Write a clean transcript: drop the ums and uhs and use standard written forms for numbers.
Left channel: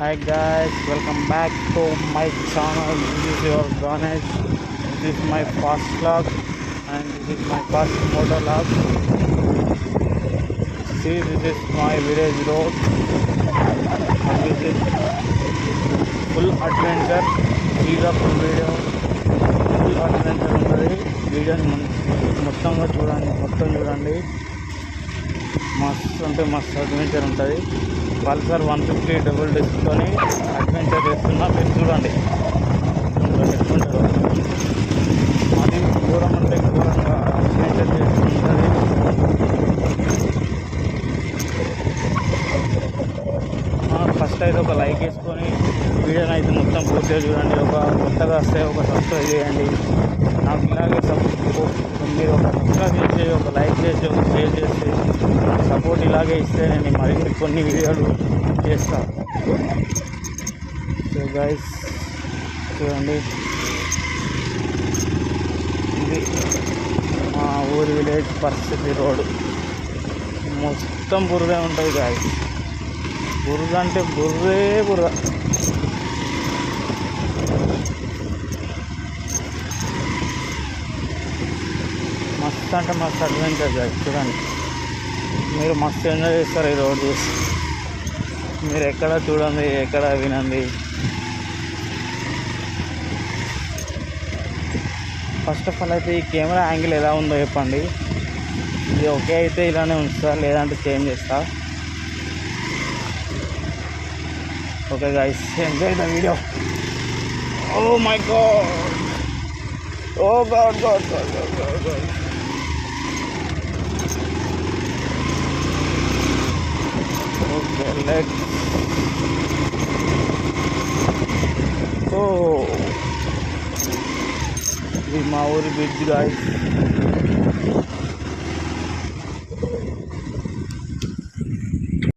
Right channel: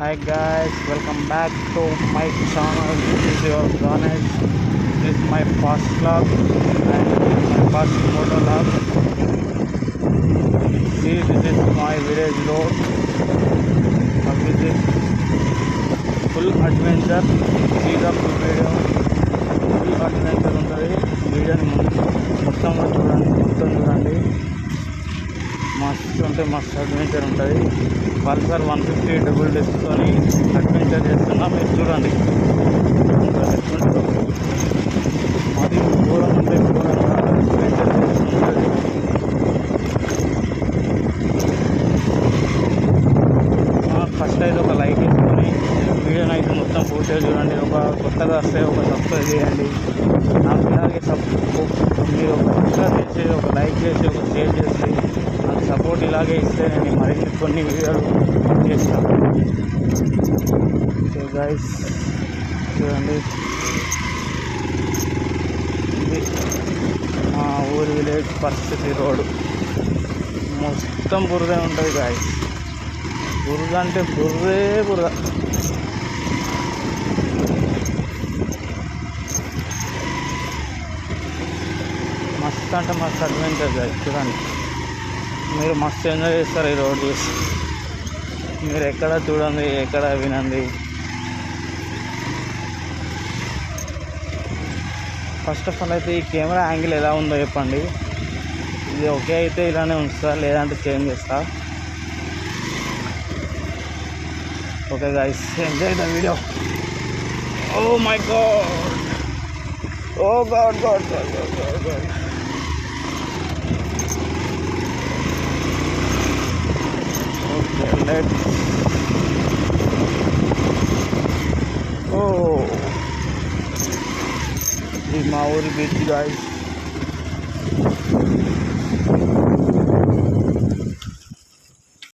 Hi guys, welcome back to my channel. This is your Ganesh. This is my first vlog and this is my first motor vlog. See, this is my village road. This is full adventure. See the full video. Full adventure ఉంటుంది. వీడియోని మొత్తంగా చూడండి. మస్తు అంటే మస్తు అడ్వెంచర్ ఉంటుంది. పల్సర్ 150 డబుల్ డిస్క్తోని అడ్వెంచర్ చేస్తున్నా, మీరు చూడండి ఎట్లుంటుందో. అది ఘోరం అంటే ఘోరంగా అడ్వెంచర్ చేస్తుంటుంది. ఫస్ట్ అయితే ఒక లైక్ వేసుకొని వీడియోని అయితే మొత్తం పూర్తిగా చూడండి. ఒక కొత్తగా వస్తే ఒక సబ్స్క్రైబ్ చేయండి. నాకు ఇలాగే మీరు ఒక సబ్స్క్రైబ్ చేసి, ఒక లైక్ చేసి, ఒక షేర్ చేసి నాకు సపోర్ట్ ఇలాగే ఇస్తే నేను మరిన్ని కొన్ని వీడియోలు చేస్తాను. సో గైస్ చూడండి, ఇది మా ఊరి విలేజ్ పరిస్థితి. రోడ్డు మొత్తం బురదే ఉంటుంది గాయస్. బురద అంటే బురద. మస్తు అంటే మస్తు అడ్వెంచర్ గాయస్. చూడండి, మీరు మస్తు ఎంజాయ్ చేస్తారు ఈ రోడ్ చూసి. మీరు ఎక్కడ చూడండి, ఎక్కడ వినండి. ఫస్ట్ ఆఫ్ ఆల్ అయితే ఈ కెమెరా యాంగిల్ ఎలా ఉందో చెప్పండి. ఇది ఓకే అయితే ఇలానే ఉంచుతా, లేదంటే చేంజ్ చేస్తా. Okay guys, enjoy the video. Oh my god, oh god. Okay, let's go. ఇది మా ఊరి బీచ్ గాయస్.